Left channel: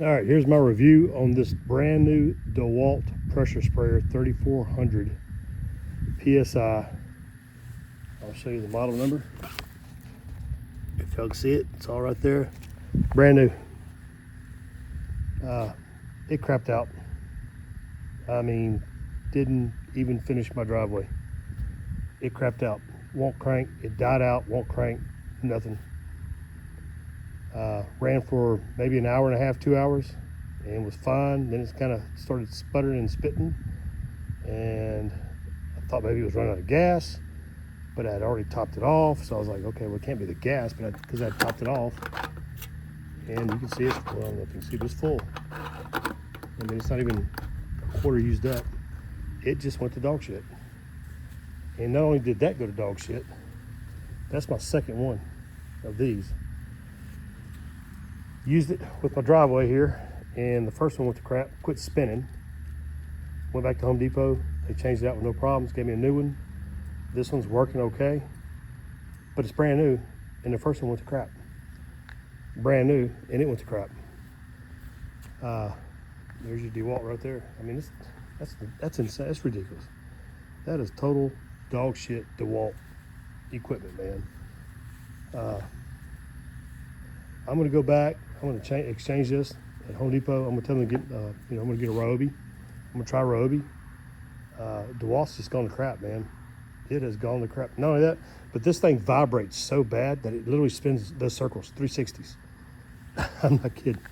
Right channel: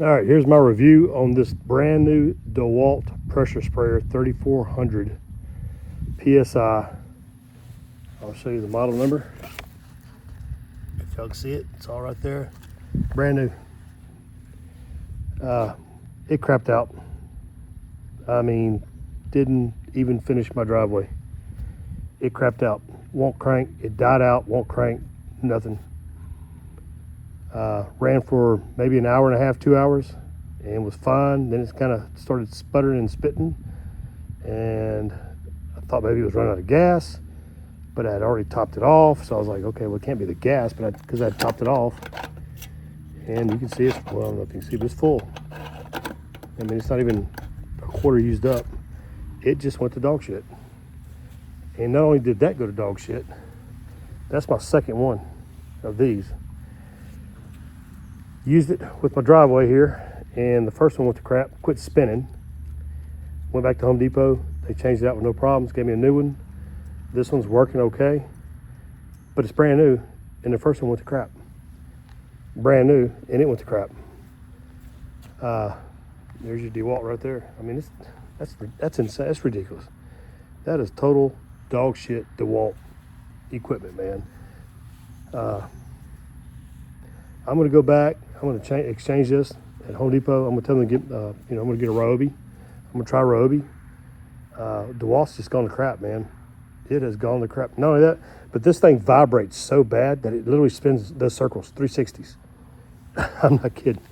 All right, here's my review on this brand new DeWalt pressure sprayer, 3400 PSI. I'll show you the model number. If y'all can see it, it's all right there. Brand new. It crapped out. I mean, didn't even finish my driveway. It crapped out. Won't crank. It died out. Won't crank. Nothing. Ran for maybe an hour and a half, 2 hours, and was fine. Then it kind of started sputtering and spitting, and I thought maybe it was running out of gas, but I had already topped it off. So I was like, okay, well, it can't be the gas, but because I had topped it off, and you can see it's, well, I don't know if you can see, but it's full. I mean, it's not even a quarter used up. It just went to dog shit. And not only did that go to dog shit, that's my second one of these. Used it with my driveway here, and the first one went to crap, quit spinning. Went back to Home Depot, they changed it out with no problems, gave me a new one. This one's working okay, but it's brand new, and the first one went to crap. Brand new, and it went to crap. There's your DeWalt right there. I mean, that's insane, that's ridiculous. That is total dog shit DeWalt equipment, man. I'm gonna go back. I'm gonna exchange this at Home Depot. I'm gonna tell them to get, I'm gonna get a Ryobi. I'm gonna try Ryobi. DeWalt's just gone to crap, man. It has gone to crap. Not only that, but this thing vibrates so bad that it literally spins those circles, 360s. I'm not kidding.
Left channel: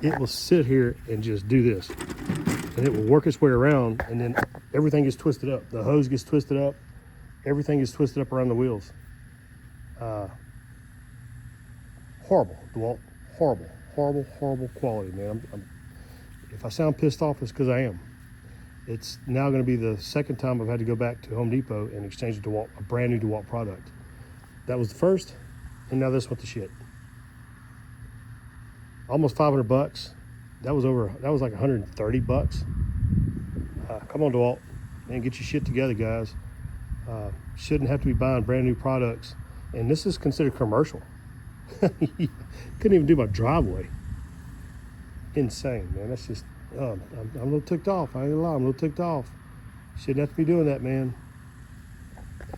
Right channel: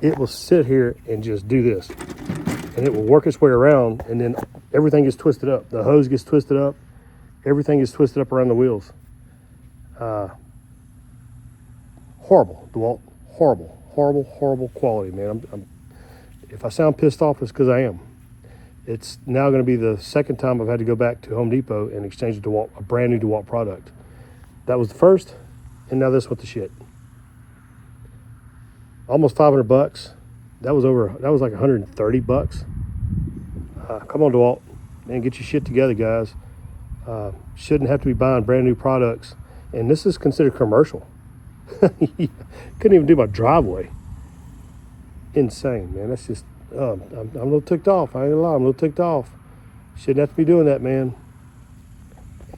It will sit here and just do this, and it will work its way around, and then everything gets twisted up. The hose gets twisted up. Everything gets twisted up around the wheels. Horrible, DeWalt. Horrible, horrible, horrible quality, man. If I sound pissed off, it's because I am. It's now going to be the second time I've had to go back to Home Depot and exchange a brand new DeWalt product. That was the first, and now this with the shit. Almost 500 bucks. That was like 130 bucks. Come on, DeWalt, man, get your shit together, guys. Shouldn't have to be buying brand new products, and this is considered commercial. Couldn't even do my driveway. Insane, man. That's just, I'm a little ticked off. I ain't gonna lie, I'm a little ticked off. Shouldn't have to be doing that, man.